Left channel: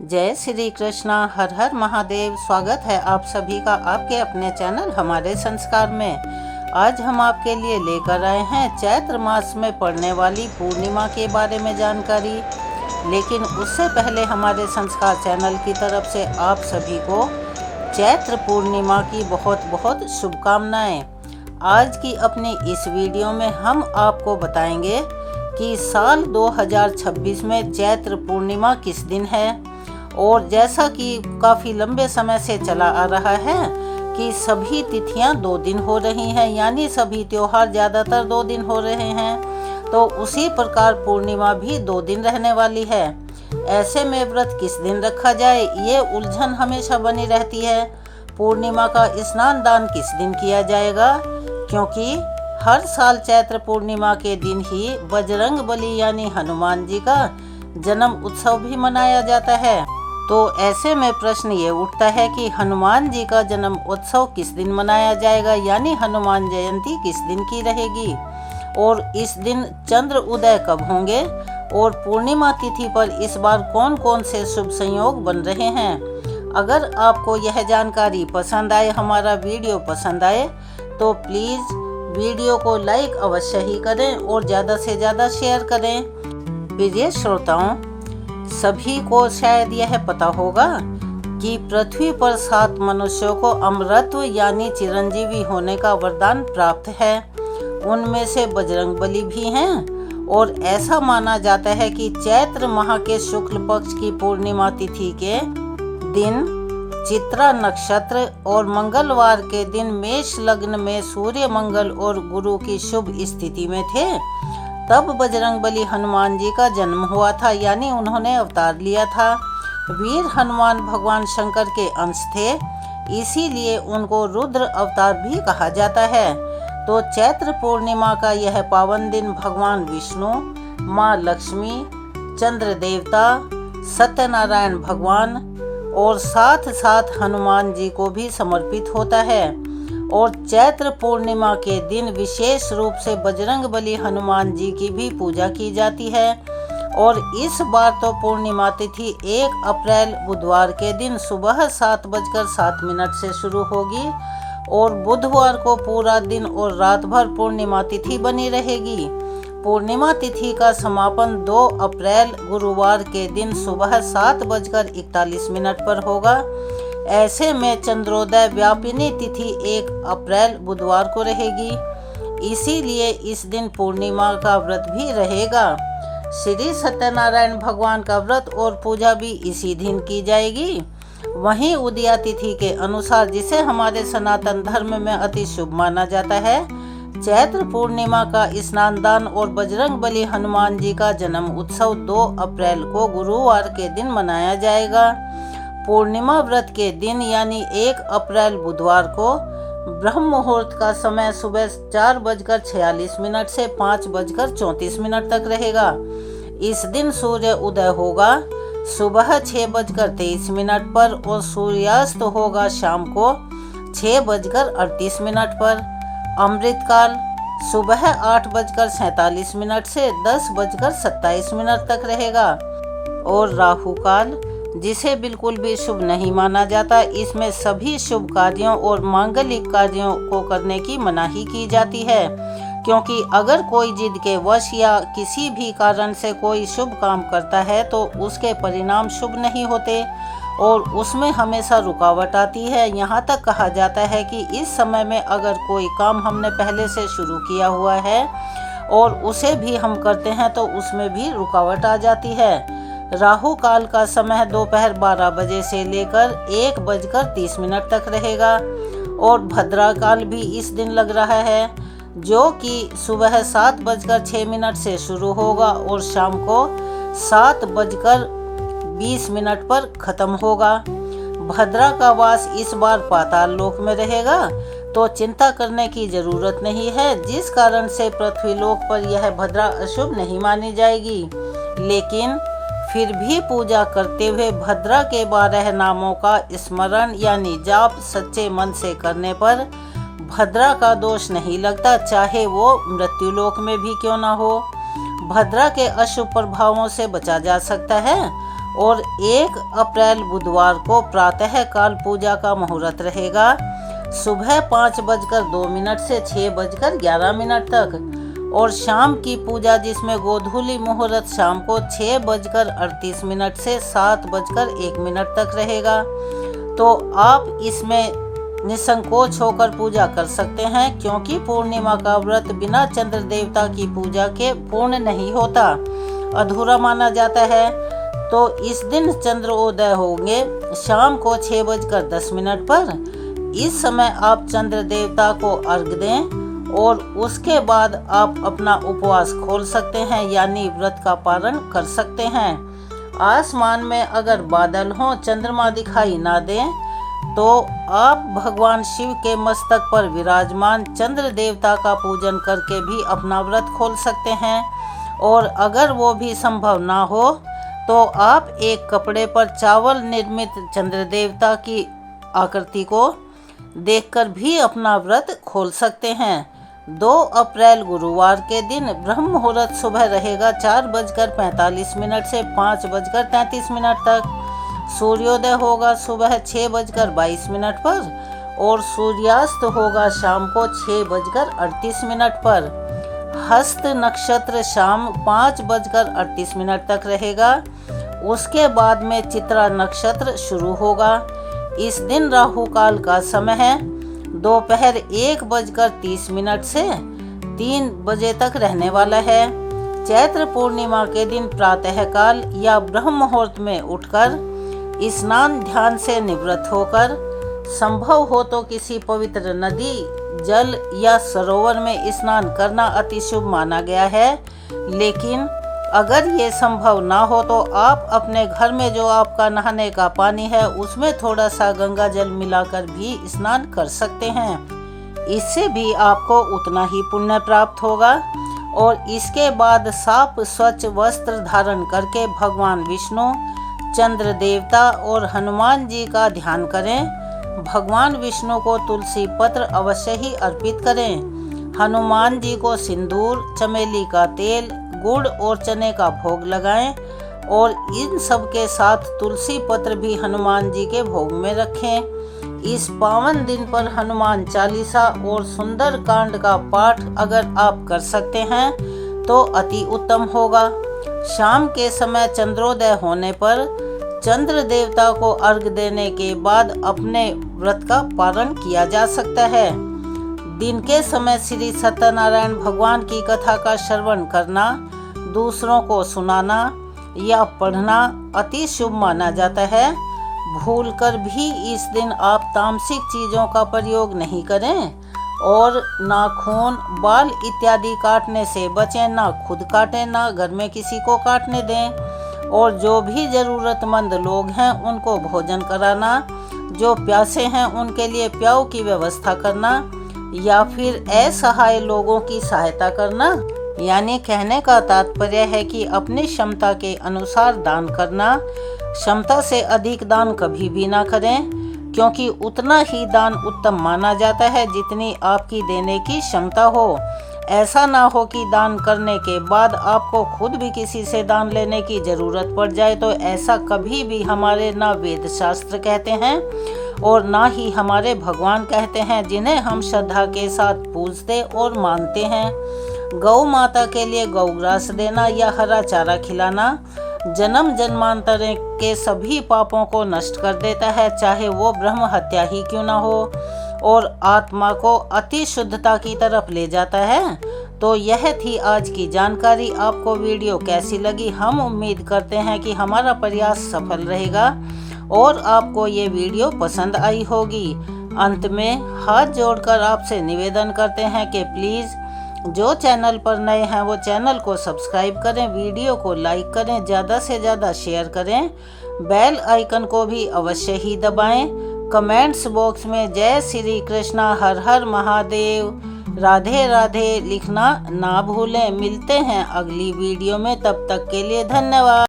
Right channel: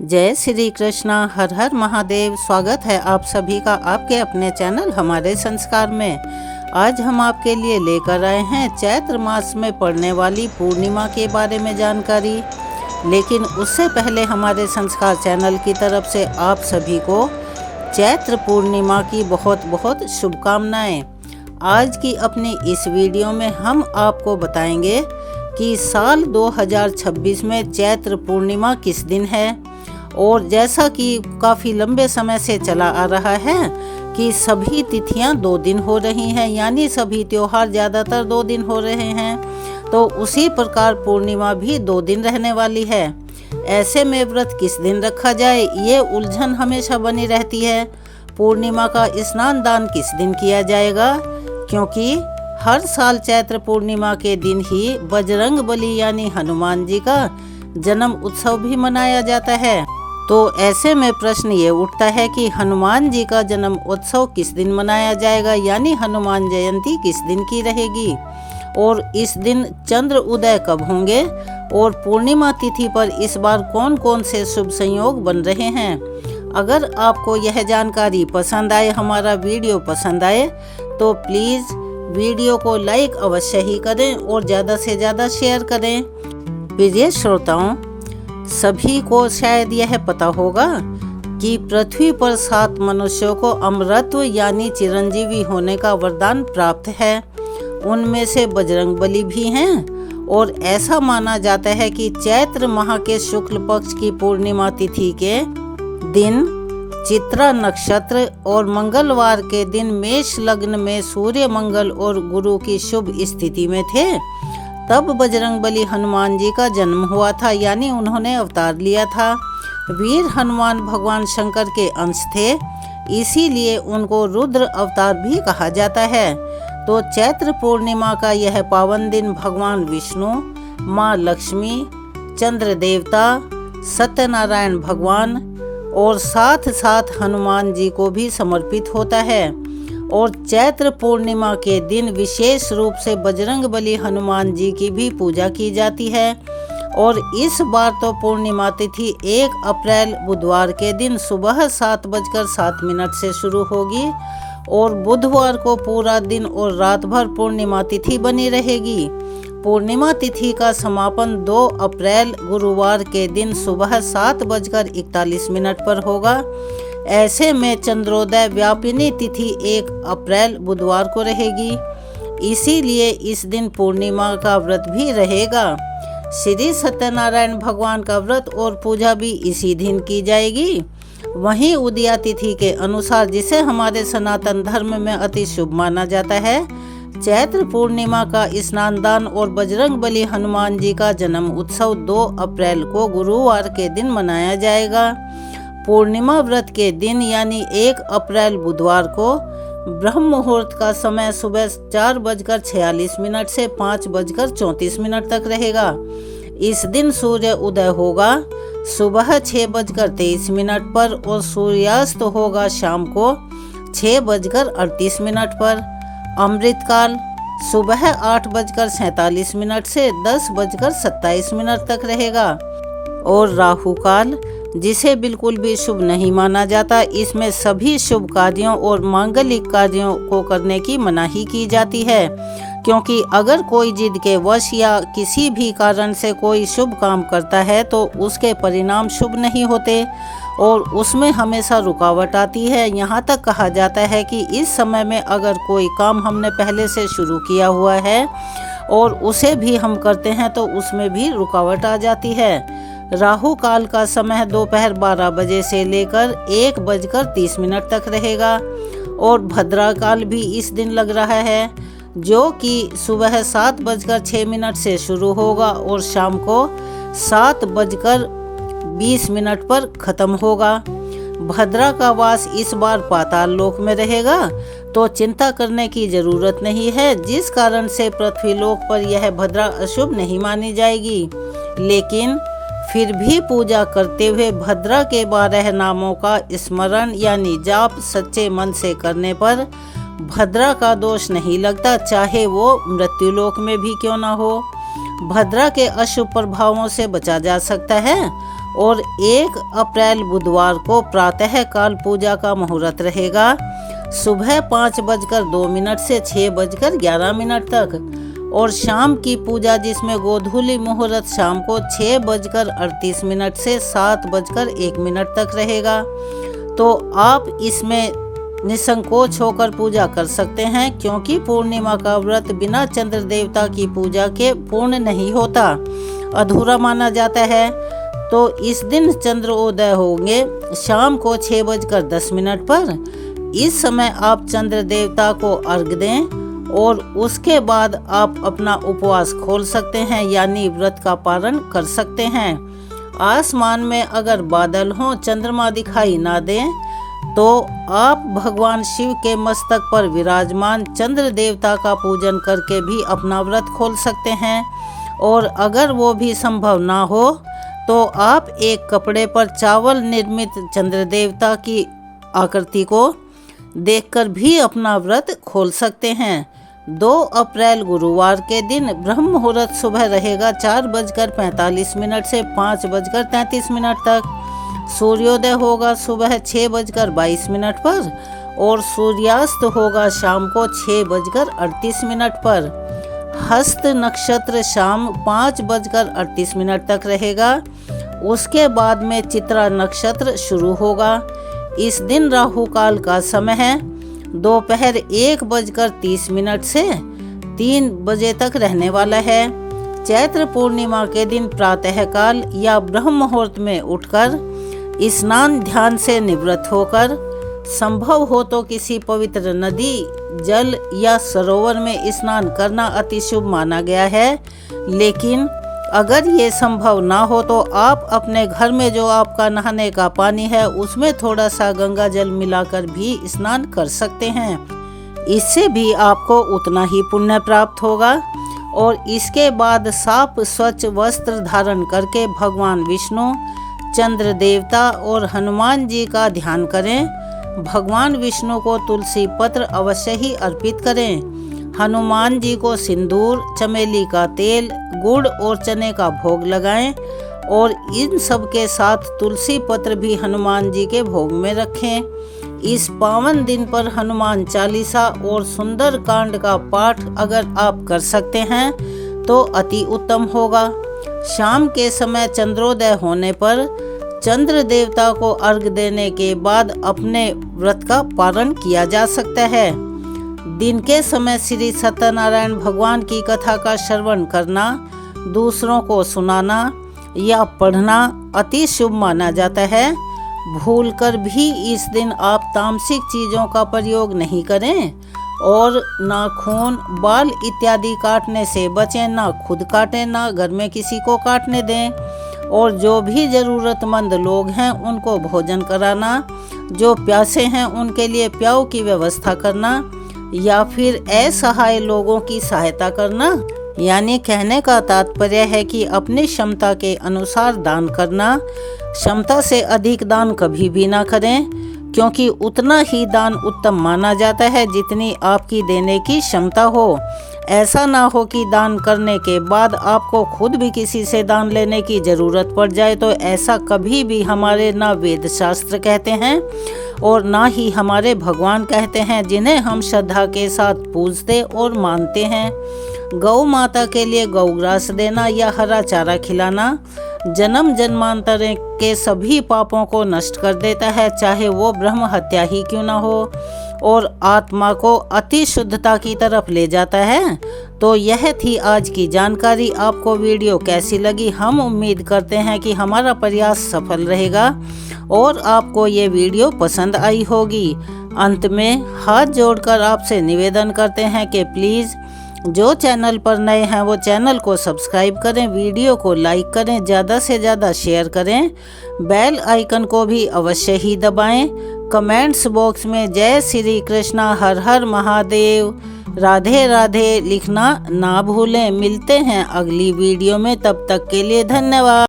जय श्री कृष्णा। हर हर महादेव। स्वागत है आप सभी का आपके अपने चैनल हमारे संस्कार में। आज हम आपके लिए लेकर आए हैं चैत्र मास में पड़ने वाली पूर्णिमा के बारे में जानकारी। लेकिन उससे पहले हमारे संस्कार चैनल की तरफ से आप सभी को चैत्र पूर्णिमा की बहुत बहुत शुभकामनाएं। आज की अपनी इस वीडियो में हम आपको बताएंगे कि साल 2026 में चैत्र पूर्णिमा किस दिन है। और जैसा कि काफ़ी लंबे समय से चला आ रहा है कि सभी तिथियां 2 दिन हो रही हैं, यानी सभी त्योहार ज़्यादातर 2 दिन हो रहे हैं, तो उसी प्रकार पूर्णिमा भी 2 दिन रहने वाली है। ऐसे में व्रत किस दिन रखा जाए, ये उलझन हमेशा बनी रहती है। पूर्णिमा का स्नान दान किस दिन किया जाएगा, क्योंकि हर साल चैत्र पूर्णिमा के दिन ही बजरंग बली यानी हनुमान जी का जन्म उत्सव भी मनाया जाता है। तो ऐसे में प्रश्न ये उठता है कि हनुमान जी का जन्म उत्सव किस दिन मनाया जाएगा, यानी हनुमान जयंती किस दिन की रहेगी, और इस दिन चंद्र उदय कब होंगे, और पूर्णिमा तिथि पर इस बार कौन कौन से शुभ संयोग बन रहे हैं। अगर आपको यह जानकारी पसंद आए, हमारा वीडियो पसंद आए, तो प्लीज़ वीडियो को लाइक अवश्य ही करें और ज़्यादा से ज़्यादा शेयर करें। प्रिय श्रोताओं, सभी को शायद यह पता होगा कि पृथ्वी पर 7 मनुष्यों को अमरत्व यानी चिरंजीवी होने का वरदान प्राप्त है। उनमें से बजरंगबली भी हैं, और ऐसा माना जाता है कि चैत्र माह के शुक्ल पक्ष की पूर्णिमा तिथि के दिन चित्रा नक्षत्र और मंगलवार के दिन मेष लग्न में सूर्य, मंगल और गुरु की शुभ स्थिति में थे। तब बजरंगबली हनुमान जी का जन्म हुआ था, यानी उन्होंने अवतार लिया था। वीर हनुमान भगवान शंकर के अंश थे, इसीलिए उनको रुद्र अवतार भी कहा जाता है। तो चैत्र पूर्णिमा का यह पावन दिन भगवान विष्णु, माँ लक्ष्मी, चंद्र देवता, सत्यनारायण भगवान और साथ साथ हनुमान जी को भी समर्पित होता है। और चैत्र पूर्णिमा के दिन विशेष रूप से बजरंगबली हनुमान जी की भी पूजा की जाती है। और इस बार तो पूर्णिमा तिथि 1 अप्रैल बुधवार के दिन सुबह 7:07 से शुरू होगी, और बुधवार को पूरा दिन और रात भर पूर्णिमा तिथि बनी रहेगी। पूर्णिमा तिथि का समापन 2 अप्रैल गुरुवार के दिन सुबह 7:41 पर होगा। ऐसे में चंद्रोदय व्यापिनी तिथि 1 अप्रैल बुधवार को रहेगी, इसीलिए इस दिन पूर्णिमा का व्रत भी रहेगा। श्री सत्यनारायण भगवान का व्रत और पूजा भी इसी दिन की जाएगी। वहीं उदया तिथि के अनुसार, जिसे हमारे सनातन धर्म में अति शुभ माना जाता है, चैत्र पूर्णिमा का स्नान दान और बजरंगबली हनुमान जी का जन्म उत्सव 2 अप्रैल को गुरुवार के दिन मनाया जाएगा। पूर्णिमा व्रत के दिन यानी 1 अप्रैल बुधवार को ब्रह्म मुहूर्त का समय सुबह 4:46 से 5:34 तक रहेगा। इस दिन सूर्य उदय होगा सुबह 6:23 पर, और सूर्यास्त होगा शाम को 6:38 पर। अमृतकाल सुबह 8:47 से 10:27 तक रहेगा। और राहु काल, जिसे बिल्कुल भी शुभ नहीं माना जाता, इसमें सभी शुभ कार्यों और मांगलिक कार्यों को करने की मनाही की जाती है, क्योंकि अगर कोई जिद के वश या किसी भी कारण से कोई शुभ काम करता है तो उसके परिणाम शुभ नहीं होते और उसमें हमेशा रुकावट आती है। यहाँ तक कहा जाता है कि इस समय में अगर कोई काम हमने पहले से शुरू किया हुआ है और उसे भी हम करते हैं तो उसमें भी रुकावट आ जाती है। राहु काल का समय दोपहर 12 बजे से लेकर 1:30 तक रहेगा, और भद्रा काल भी इस दिन लग रहा है, जो कि सुबह 7:06 से शुरू होगा और शाम को 7:20 पर खत्म होगा। भद्रा का वास इस बार पाताल लोक में रहेगा, तो चिंता करने की जरूरत नहीं है, जिस कारण से पृथ्वी लोक पर यह भद्रा अशुभ नहीं मानी जाएगी। लेकिन फिर भी पूजा करते हुए भद्रा के 12 नामों का स्मरण यानी जाप सच्चे मन से करने पर भद्रा का दोष नहीं लगता, चाहे वो मृत्युलोक में भी क्यों ना हो। भद्रा के अशुभ प्रभावों से बचा जा सकता है और 1 अप्रैल बुधवार को प्रातः काल पूजा का मुहूर्त रहेगा सुबह 5:02 से 6:11 तक, और शाम की पूजा जिसमें गोधूली मुहूर्त शाम को 6:38 से 7:01 तक रहेगा। तो आप इसमें निसंकोच होकर पूजा कर सकते हैं, क्योंकि पूर्णिमा का व्रत बिना चंद्र देवता की पूजा के पूर्ण नहीं होता, अधूरा माना जाता है। तो इस दिन चंद्रोदय होंगे शाम को 6:10 पर। इस समय आप चंद्र देवता को अर्घ दें और उसके बाद आप अपना उपवास खोल सकते हैं, यानी व्रत का पारण कर सकते हैं। आसमान में अगर बादल हों, चंद्रमा दिखाई ना दें, तो आप भगवान शिव के मस्तक पर विराजमान चंद्र देवता का पूजन करके भी अपना व्रत खोल सकते हैं। और अगर वो भी संभव ना हो तो आप एक कपड़े पर चावल निर्मित चंद्र देवता की आकृति को देखकर भी अपना व्रत खोल सकते हैं। 2 अप्रैल गुरुवार के दिन ब्रह्म मुहूर्त सुबह रहेगा 4:45 से 5:33 तक। सूर्योदय होगा सुबह 6:22 पर और सूर्यास्त होगा शाम को 6:38 पर। हस्त नक्षत्र शाम 5:38 तक रहेगा। उसके बाद में चित्रा नक्षत्र शुरू होगा। इस दिन राहु काल का समय है दोपहर 1:30 से 3 बजे तक रहने वाला है। चैत्र पूर्णिमा के दिन प्रातः काल या ब्रह्म मुहूर्त में उठकर स्नान ध्यान से निवृत्त होकर संभव हो तो किसी पवित्र नदी, जल या सरोवर में स्नान करना अति शुभ माना गया है। लेकिन अगर ये संभव ना हो तो आप अपने घर में जो आपका नहाने का पानी है उसमें थोड़ा सा गंगा जल मिलाकर भी स्नान कर सकते हैं। इससे भी आपको उतना ही पुण्य प्राप्त होगा। और इसके बाद साफ स्वच्छ वस्त्र धारण करके भगवान विष्णु, चंद्र देवता और हनुमान जी का ध्यान करें। भगवान विष्णु को तुलसी पत्र अवश्य ही अर्पित करें। हनुमान जी को सिंदूर, चमेली का तेल, गुड़ और चने का भोग लगाएं और इन सब के साथ तुलसी पत्र भी हनुमान जी के भोग में रखें। इस पावन दिन पर हनुमान चालीसा और सुंदर कांड का पाठ अगर आप कर सकते हैं तो अति उत्तम होगा। शाम के समय चंद्रोदय होने पर चंद्र देवता को अर्घ देने के बाद अपने व्रत का पारण किया जा सकता है। दिन के समय श्री सत्यनारायण भगवान की कथा का श्रवण करना, दूसरों को सुनाना या पढ़ना अति शुभ माना जाता है। भूलकर भी इस दिन आप तामसिक चीजों का प्रयोग नहीं करें और नाखून, बाल इत्यादि काटने से बचें, ना खुद काटें, ना घर में किसी को काटने दें। और जो भी जरूरतमंद लोग हैं उनको भोजन कराना, जो प्यासे हैं उनके लिए प्याऊ की व्यवस्था करना या फिर असहाय लोगों की सहायता करना। यानी कहने का तात्पर्य है कि अपनी क्षमता के अनुसार दान करना। क्षमता से अधिक दान कभी भी ना करें, क्योंकि उतना ही दान उत्तम माना जाता है जितनी आपकी देने की क्षमता हो। ऐसा ना हो कि दान करने के बाद आपको खुद भी किसी से दान लेने की जरूरत पड़ जाए। तो ऐसा कभी भी हमारे ना वेद शास्त्र कहते हैं और ना ही हमारे भगवान कहते हैं, जिन्हें हम श्रद्धा के साथ पूजते और मानते हैं। गौ माता के लिए गौग्रास देना या हरा चारा खिलाना जन्म जन्मांतर के सभी पापों को नष्ट कर देता है, चाहे वो ब्रह्म हत्या ही क्यों ना हो, और आत्मा को अति शुद्धता की तरफ ले जाता है। तो यह थी आज की जानकारी। आपको वीडियो कैसी लगी? हम उम्मीद करते हैं कि हमारा प्रयास सफल रहेगा और आपको ये वीडियो पसंद आई होगी। अंत में हाथ जोड़कर आपसे निवेदन करते हैं कि प्लीज़ जो चैनल पर नए हैं वो चैनल को सब्सक्राइब करें, वीडियो को लाइक करें, ज़्यादा से ज़्यादा शेयर करें, बेल आइकन को भी अवश्य ही दबाएं। कमेंट्स बॉक्स में जय श्री कृष्णा, हर हर महादेव, राधे राधे लिखना ना भूलें। मिलते हैं अगली वीडियो में, तब तक के लिए धन्यवाद।